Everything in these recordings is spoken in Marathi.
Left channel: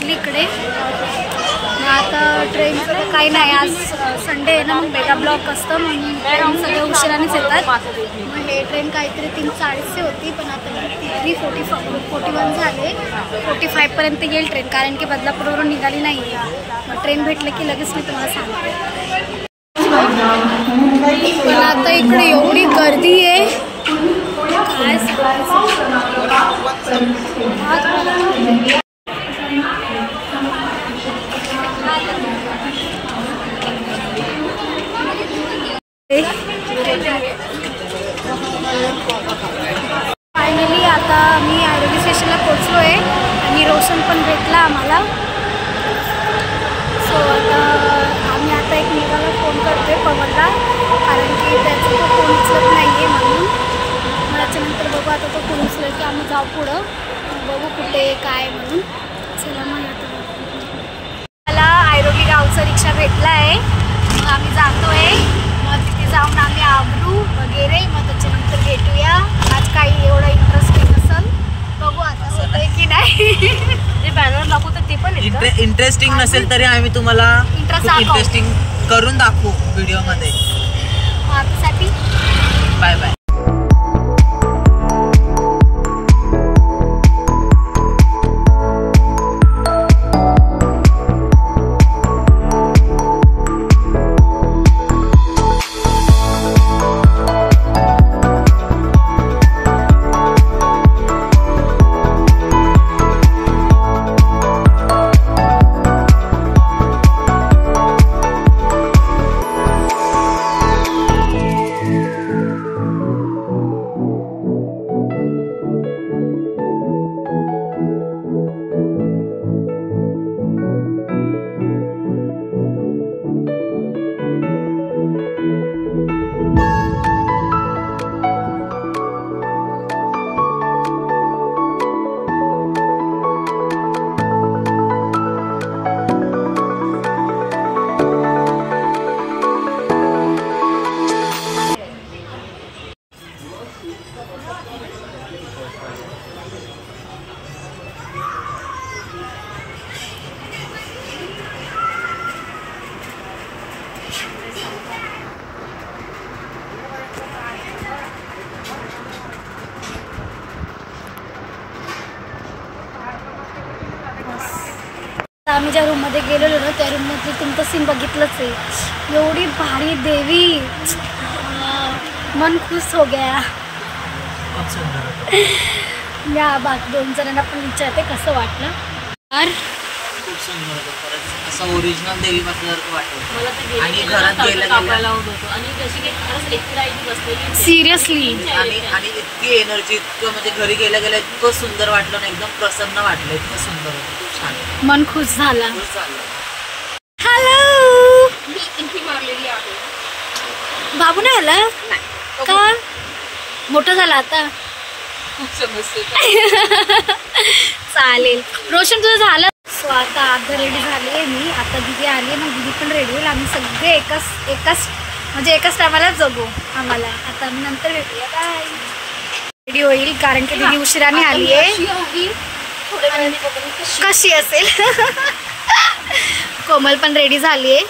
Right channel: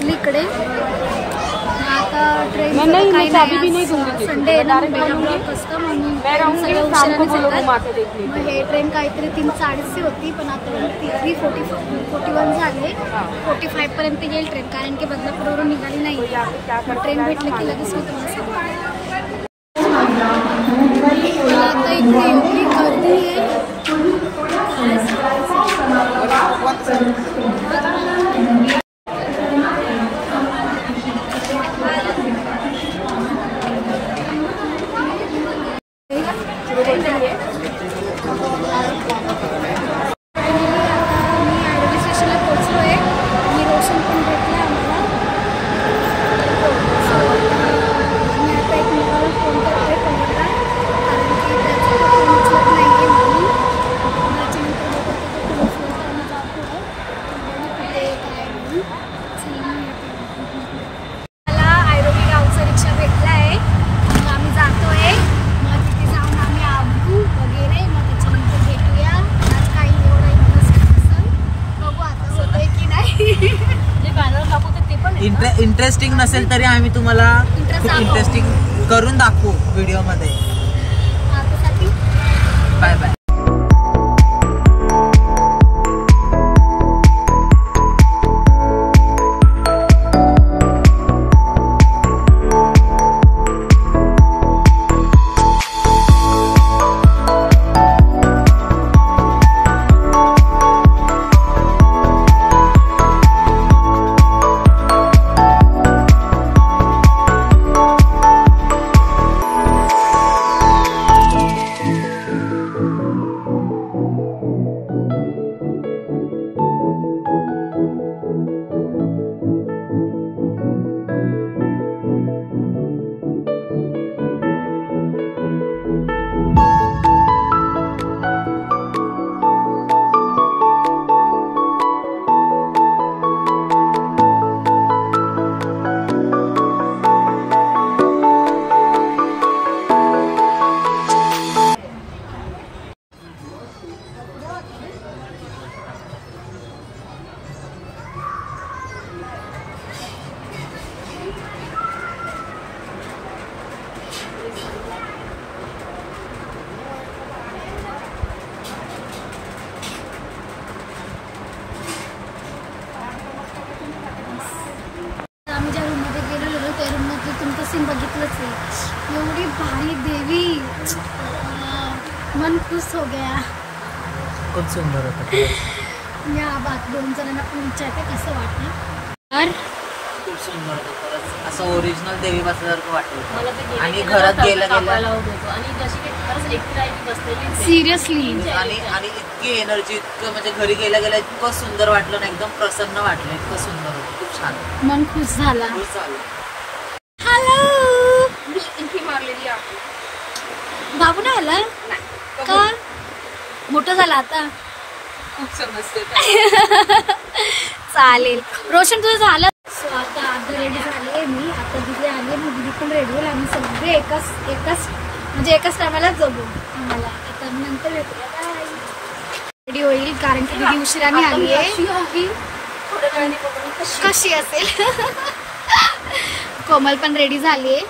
पोचली इकडे। आता ट्रेनचं काही नाही, आज संडे आहे ना, मग मेगा ब्लॉक असतं म्हणून ट्रेन सगळ्या उशिरानेच येतात। मग हे ट्रेन काहीतरी 3:40ची होती, पण आतापर्यंत 3:41 झाले। 45पर्यंत येईल ट्रेन, कारण की बदलापूरवरून निघाली नाही आहे। मग ट्रेन भेटलं की लगेच मी तुम्हाला सांगते। पण आता इकडे एवढी गर्दी आहे काय सांगायचं। फायनली आता मी आयरोली स्टेशनला पोचलो आहे आणि रोशन पण भेटला आम्हाला। सो आम्ही आता एकमेकाला फोन करतोय पवनला, कारण की त्याचा तो फोन उचलत नाही आहे म्हणून। मग त्याच्यानंतर बघू आता तो फोन उचलेल की आम्ही जाऊ पुढं, बघू कुठे काय म्हणून। चला मग आता मला आयरोली गावचा रिक्षा भेटला आहे, मग आम्ही जातोय। मग तिथे जाऊन आम्ही आवरू वगैरे, मग त्याच्यानंतर भेटूया। आज काही एवढा इंटरेस्टिंग नसेल, बघू आता होतंय की नाही। जे बॅनर दाखवतात ते पण इंटरेस्टिंग नसेल तरी आम्ही तुम्हाला इंटरेस्टिंग करून दाखवू व्हिडिओ मध्ये। आतासाठी बाय बाय। आम्ही ज्या रूममध्ये गेलेलो ना, त्या रूममध्ये तुमचं सीन बघितलंच आहे। एवढी भारी देवी, मन खुश हो गया। खूप सुंदर। या बाकी 2 जणांना पण विचारते कसं वाटलं यार। खूप सुंदर होतं खरंच, असं ओरिजिनल देवी बसल्यासारखं वाटलं। आणि घरात गेलं सिरियसली, आणि इतकी एनर्जी, इतकं म्हणजे घरी गेल्या इतकं सुंदर वाटलं ना, एकदम प्रसन्न वाटलं, इतकं सुंदर होतं, खूप छान, मन खुश झाला। हॅलो, मी इंटी मारलेली आहे। बाबू नाही आला का? मोठं झाला आता, खूप समजते। चालेल, रोशन तुझं झालं। सो आता अर्धा रेडी झाली आहे मी, आता दीदी आली आहे, मग दीदी पण रेडी होईल। आम्ही सगळे एकाच टायमालाच जगू आम्हाला। आता नंतर भेटूया, बाय। रेडी होईल कारण की दीदी उशिराने आली आहे। कशी असेल कोमल पण रेडी झाली आहे।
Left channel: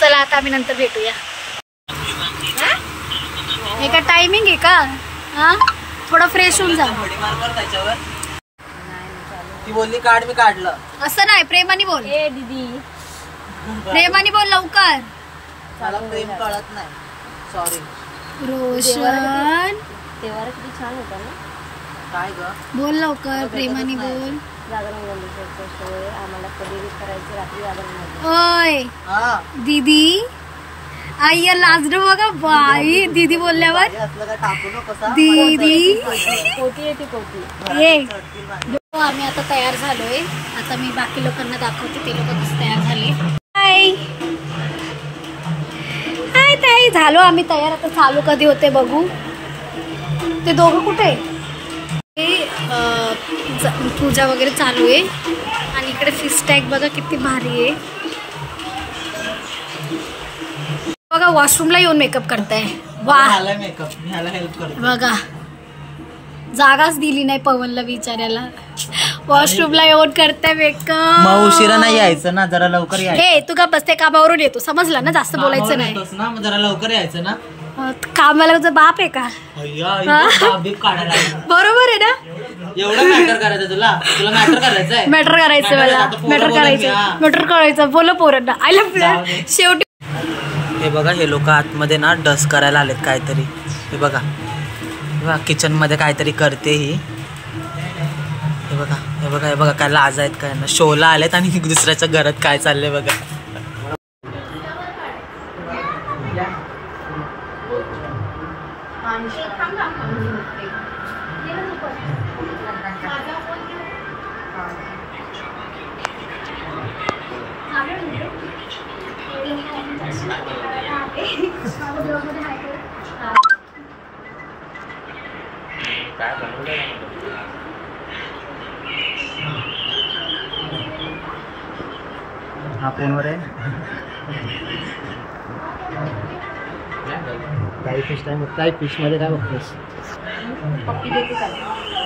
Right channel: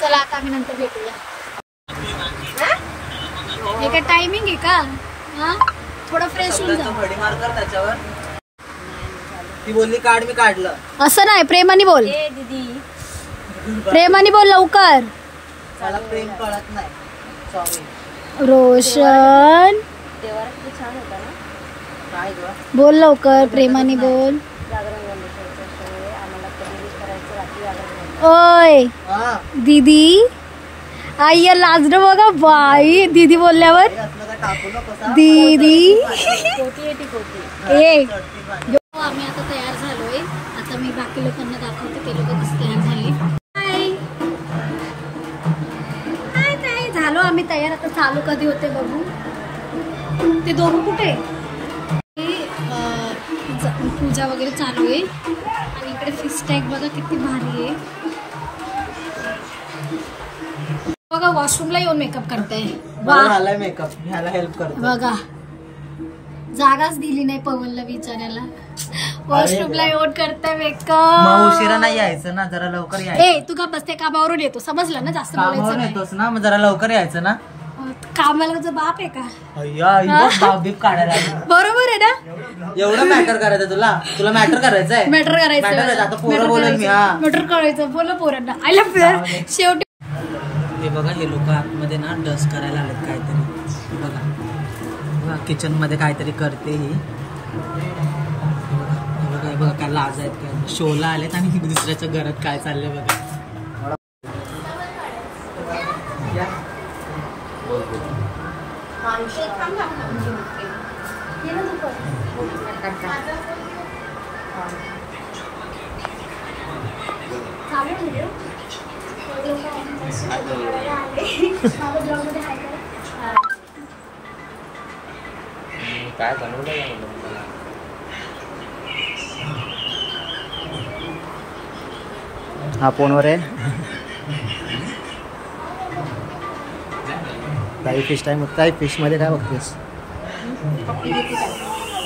चला आता आम्ही नंतर भेटूया। हे का टायमिंग आहे का? हा, थोडं फ्रेश होऊन जा। त्याच्यावर ती बोलली काढ, मी काढलं। असं नाही, प्रेमाने बोल। दीदी प्रेमाने बोल लवकर। मला प्रेम कळत नाही, सॉरी। रोशन काय ग, बोल लवकर, प्रेमाने बोल। ओय दीदी, आई लाजड बघा बाई, दीदी बोलल्यावर। दीदी आम्ही आता तयार झालोय। आता मी बाकी लोकांना दाखवते ते लोक कसं तयार झाले। हाय हाय ताई, झालो आम्ही तयार। आता चालू कधी होते बघू। ते दोघं कुठे? पूजा वगैरे चालू आहे आणि इकडे फिश टॅग बघा किती भारी आहे बघा। वॉशरूमला येऊन मेकअप करताय, वाह। मेकअप ह्याला हेल्प करते बघा, जागाच दिली नाही पवनला विचारायला। वॉशरूमला येऊन करते मग मेकअप. उशिरा नाही यायचं ना, जरा लवकर यायचं. ए तू का बसते, कामावरून येतो समजलं ना, जास्त बोलायचं नाही. येतोस ना, मग जरा लवकर यायचं ना. कामाला तुझा बाप आहे का? बीप काढायला लागला. बरोबर आहे ना. एवढं मॅटर करायचं तुला मॅटर करायचंय. मॅटर करायचं मला, मॅटर करायचं बोल पोरांना. I love. शेवटी हे बघा, हे लोक आतमध्ये ना डस्ट करायला आलेत काहीतरी. हे बघा किचन मध्ये काहीतरी करते ही. हे बघा हे बघा हे बघा, काय लाज आहेत काय ना, शोला आलेत आणि दुसऱ्याच्या घरात काय चाललंय बघा. हा फोनवर आहे. काही फिश टाइम होत. काही फिश मध्ये काय बघतेस?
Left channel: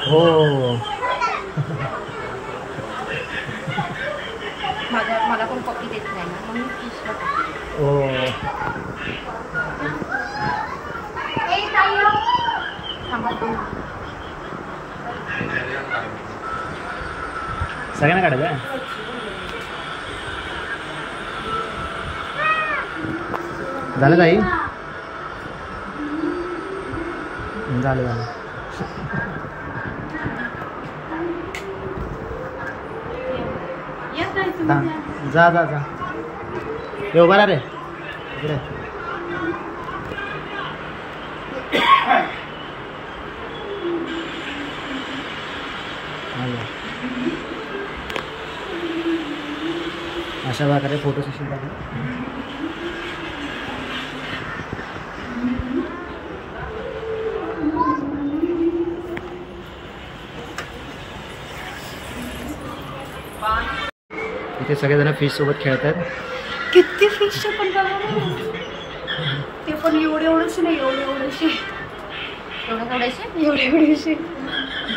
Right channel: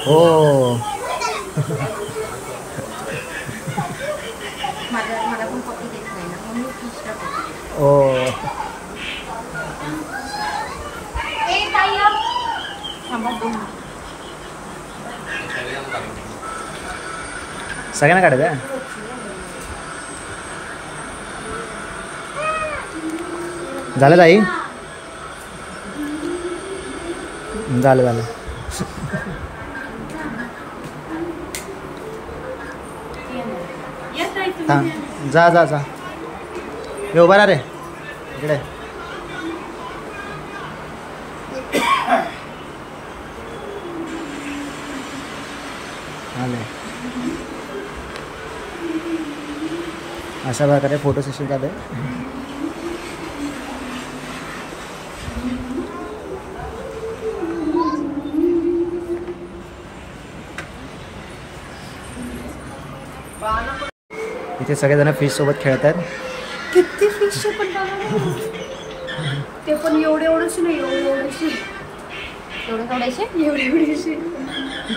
हो मला पण पप्पी देत नाही ना, मग मी फिशला हो. सगळ्यांना काढायचं. झालं ताई? झालं. जा जा जा. हे उभा रे इकडे. आलं. अशा प्रकारे फोटो सेशन झालं. इथे सगळेजण फिश सोबत खेळतात. किती फिश पण ते पण एवढेशी नाही, एवढेशी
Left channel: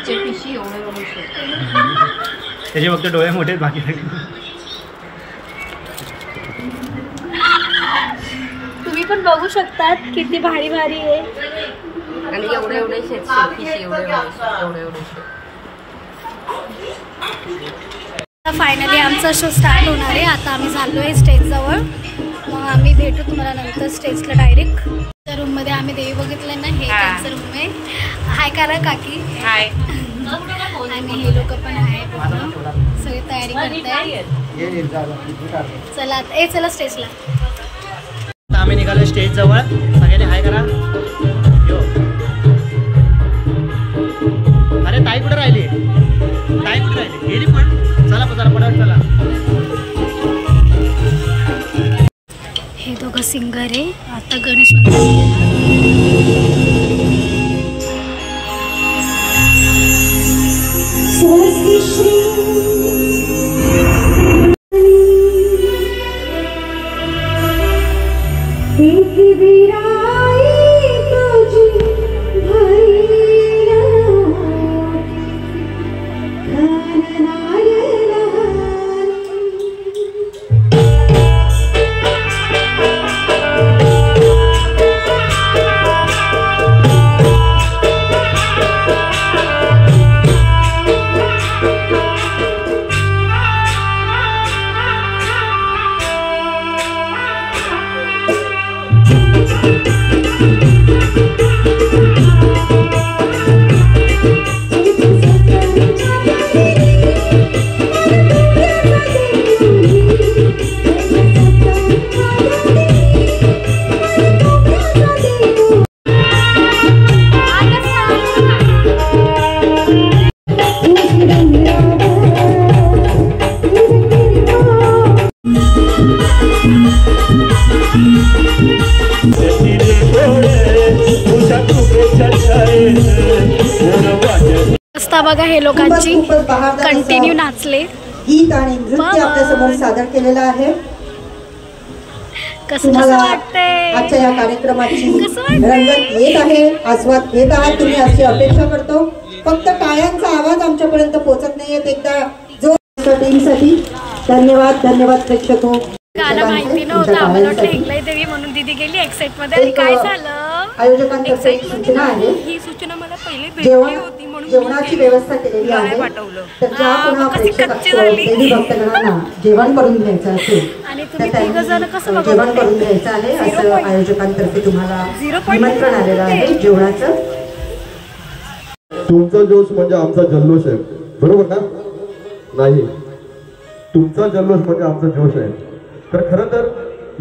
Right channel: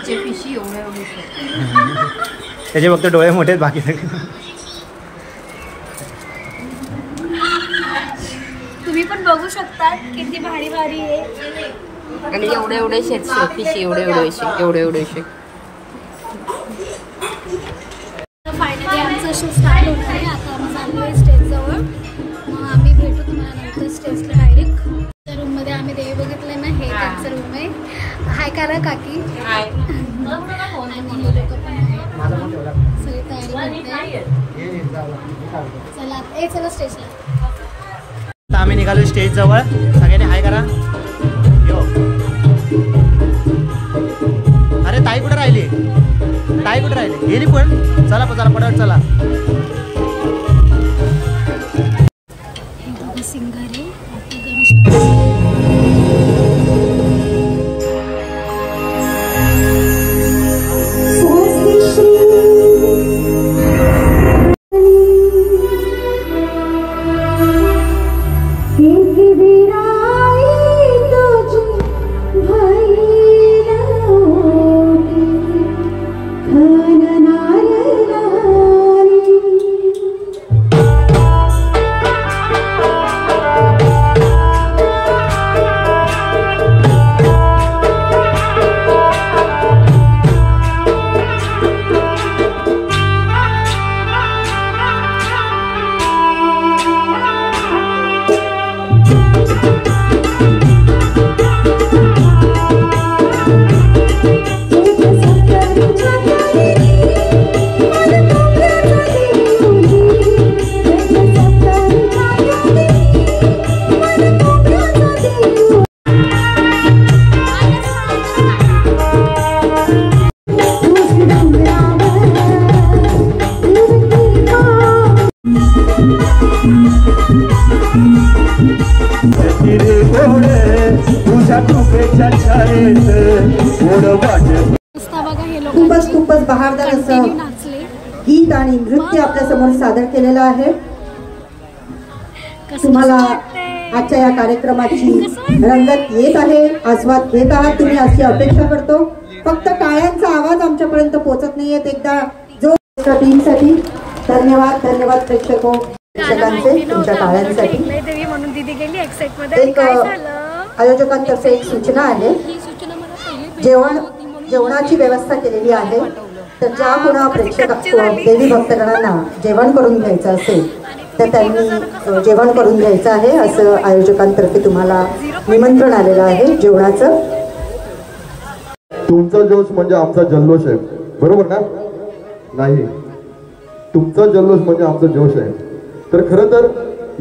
फिशी एवढे त्याचे फक्त डोळे मोठे बाकी. तुम्ही पण बघू शकतात किती भारी भारी आहे. आणि एवढे फिशी एवढे. फायनली आमचा शो स्टार्ट होणार आहे. आता आम्ही चाललो आहे स्टेजजवळ. मग आम्ही भेटू तुम्हाला नंतर स्टेजला डायरेक्ट. त्या रूममध्ये आम्ही देवी बघितलं ना, हे त्यांचं रूम आहे. हाय करा काकी. हाय. आणि हे लोक पण आहे, सगळी तयारी करताय. चला चला स्टेजला. आम्ही निघालो स्टेज जवळ. सगळ्यांनी हाय करा. यो अरे ताई कुठे राहिली? गेली पण. चला पटापट चला. हे दोघं सिंगर आहे. आता गणेश रस्ता बघा. हे लोकांची कंटिन्यू नाचले. गीत आणि नृत्य आपल्या समोर सादर केलेलं आहे. कसं वाटतंय आजच्या या कार्यक्रमाची रंगत येत आहे, आस्वाद घेत आहात तुम्ही अशी अपेक्षा करतो. फक्त टाळ्यांचा आवाज आमच्यापर्यंत पोहोचत नाहीये. एकदा जो टीमसाठी धन्यवाद. धन्यवाद प्रेक्षको. गाणं माहिती नव्हतं आम्हाला, वाटलं एकलाई देवी म्हणून दीदी गेली एक्साइट मध्ये. आणि काय झालं, आयोजकांतर्फे एक सूचना आहे. ही सूचना मला पहिले भेटली होती म्हणून जेवणाची व्यवस्था केलेली आहे. पाठवलं. तर ज्या कोणा देवी भक्तगणांना जेवण करून घ्यायचं असेल तर त्यांनी जेवण करून घ्यायचं आहे असं आयोजकांतर्फे तुम्हाला निमंत्रण आलेलं आहे जेवणाचं. तुमचा जोश म्हणजे आमचा जल्लोष आहे, बरोबर ना? नाही, तुमचा जल्लोष म्हणजे आमचा जोश आहे. तर खरं तर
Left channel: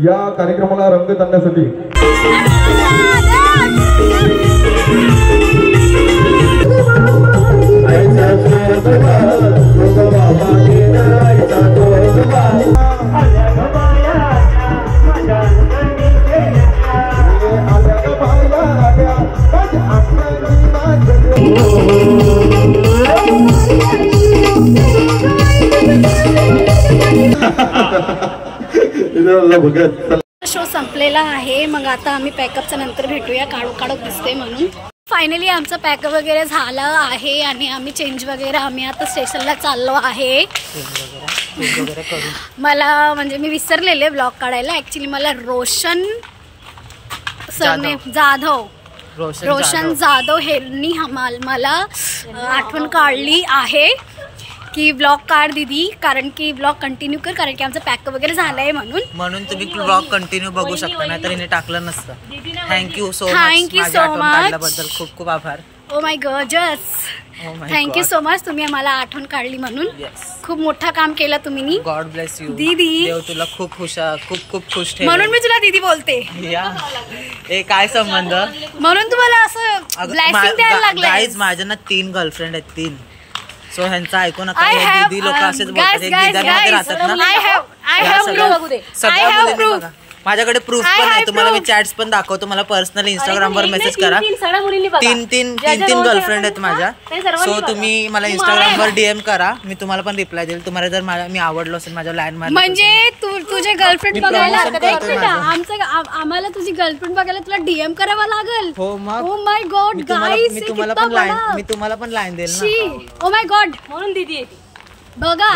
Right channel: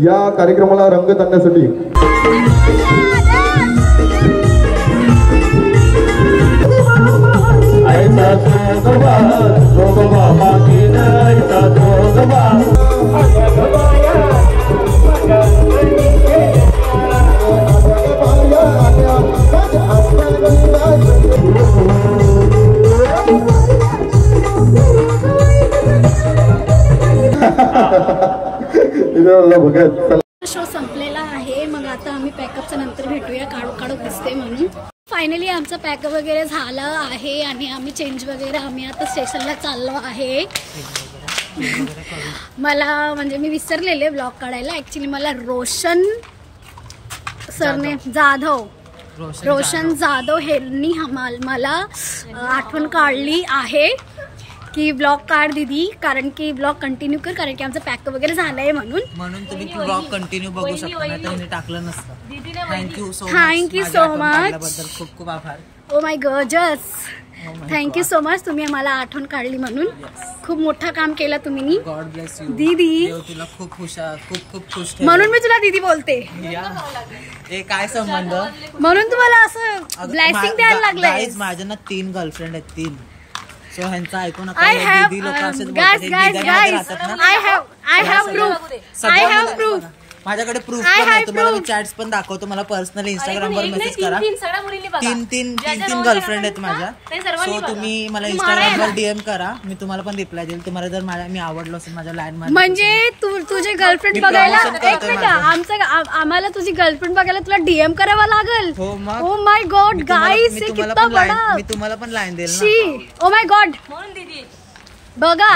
या कार्यक्रमाला रंगत आणण्यासाठी शो संपलेला आहे. मग आता आम्ही पॅकअपच्या नंतर भेटूया. काढू दिसते म्हणून. फायनली आमचं पॅकअप वगैरे झालं आहे आणि आम्ही चेंज वगैरे आम्ही आता स्टेशनला चाललो आहे. मला म्हणजे मी विसरलेले ब्लॉग काढायला. ऍक्च्युली मला रोशन जाधव हेनी मला आठवण काढली आहे की ब्लॉग काढ दीदी, कारण की ब्लॉग कंटिन्यू कर, कारण की आमचं पॅकअप वगैरे झालंय म्हणून तुम्ही ब्लॉग कंटिन्यू बघू शकता, नाही तर हिने टाकलं नसतं. Thank you so much. बद्दल खूप खूप आभार. Oh my goddess, thank you so much. तुम्ही आम्हाला आठवण काढली म्हणून. खूप मोठा काम केलं तुम्ही. गॉड ब्लेस यू दीदी. देव तुला खूप खुश ठेव. म्हणून मी तुला दीदी बोलते. काय संबंध? म्हणून तुम्हाला असं ब्लेसिंग द्यायला लागलं. गाईज माझ्या ना 3 गर्लफ्रेंड आहेत, 3. सो ह्यांचं ऐकू नका. दीदी लोक असेच बोलतात, मध्ये राहतात ना. सगळ्या मुलींनी बघा, माझ्याकडे प्रूफ पण आहे. तुम्हाला मी चॅट्स पण दाखवतो. मला पर्सनली इंस्टाग्रामवर मेसेज करा. 3 गर्लफ्रेंड आहेत माझ्या. सो तुम्ही मला इंस्टाग्रामवर DM करा, मी तुम्हाला पण रिप्लाय देईल. तुम्हाला जर मी आवडलो असेल, माझ्या लाईन म्हणजे तुझे गर्लफ्रेंड बघायला आम्हाला तुझी गर्लफ्रेंड बघायला तुला DM करावा लागेल. हो मग. ओ माय गॉड गाईस, मी तुम्हाला पण लाईन देईल ना. ओ माय गॉड म्हणून दीदी बघा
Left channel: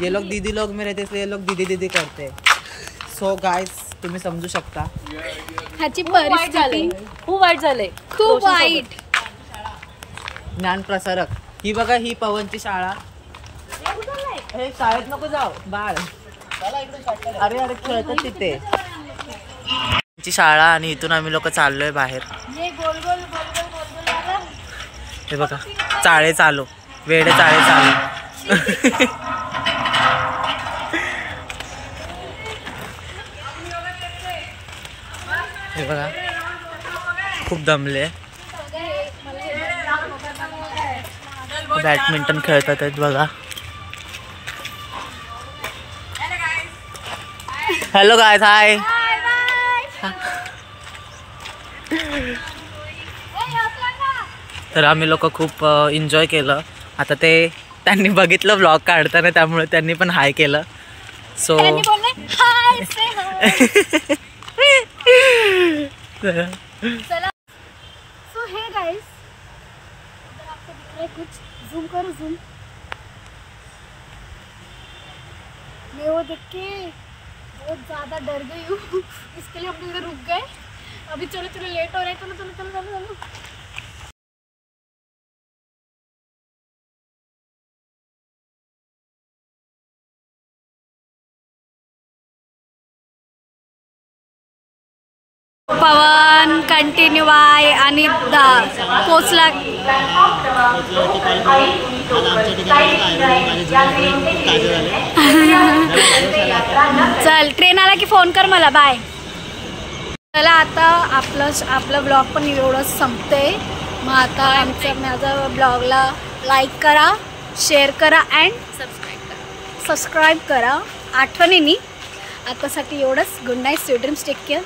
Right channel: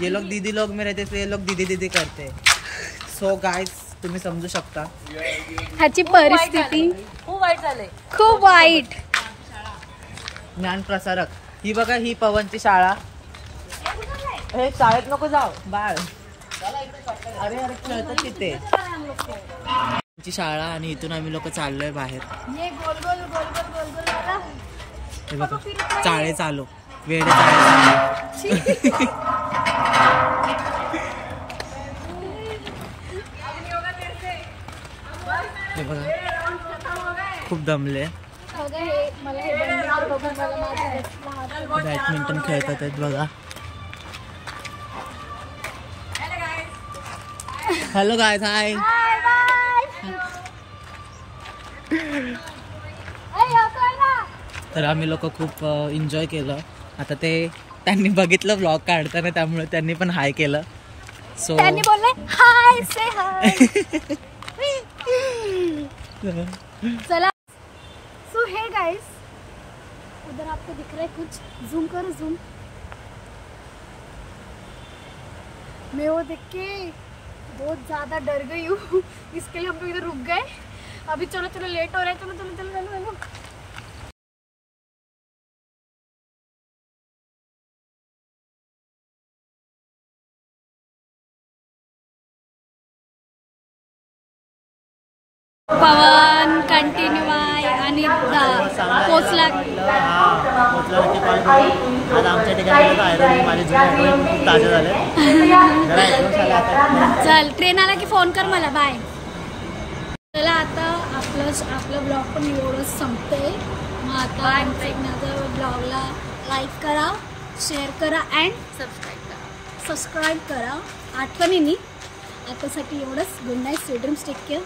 ये लोग दीदी लोग में रहते, इसलिए ये लोग दीदी करते. सो गाइस तुम्ही समजू शकता ह्याची परिस्थिती खूप वाईट झालंय, खूप वाईट. ज्ञान प्रसारक ही बघा, ही पवनची शाळा. हे शाळेत नको जाऊ बाळ. अरे खेळतात तिथे. शाळा आणि इथून आम्ही लोक चाललोय बाहेर. हे बघा चाळे चालू, वेडे चाळे चालू. हे बघा खूप दमले. बॅडमिंटन खेळतात आहेत बघा. हॅलो गायज, हाय. तर आम्ही लोक खूप एन्जॉय केलं. आता त्यांनी बघितलं ब्लॉग काढताना, त्यामुळे त्यांनी पण हाय केलं. सो चला. सो हे गाइस, उधर आपको दिख रहा है कुछ? जूम करो, जूम. मैं वो देख के बहुत ज़्यादा डर गई हूँ. इसके लिए हम इधर रुक गए. अभी चलो लेट हो रहा है. चलो. पवन कंटिन्यू आहे आणि पोचला. चल ट्रेन आला की फोन कर मला. बाय. चला आता आपलं ब्लॉग पण एवढंच संपते. मग आता माझ्या ब्लॉगला लाईक करा, शेअर करा अँड सबस्क्राईब करा. आठवणीने आतासाठी एवढंच. Good night, sweet dreams, take care.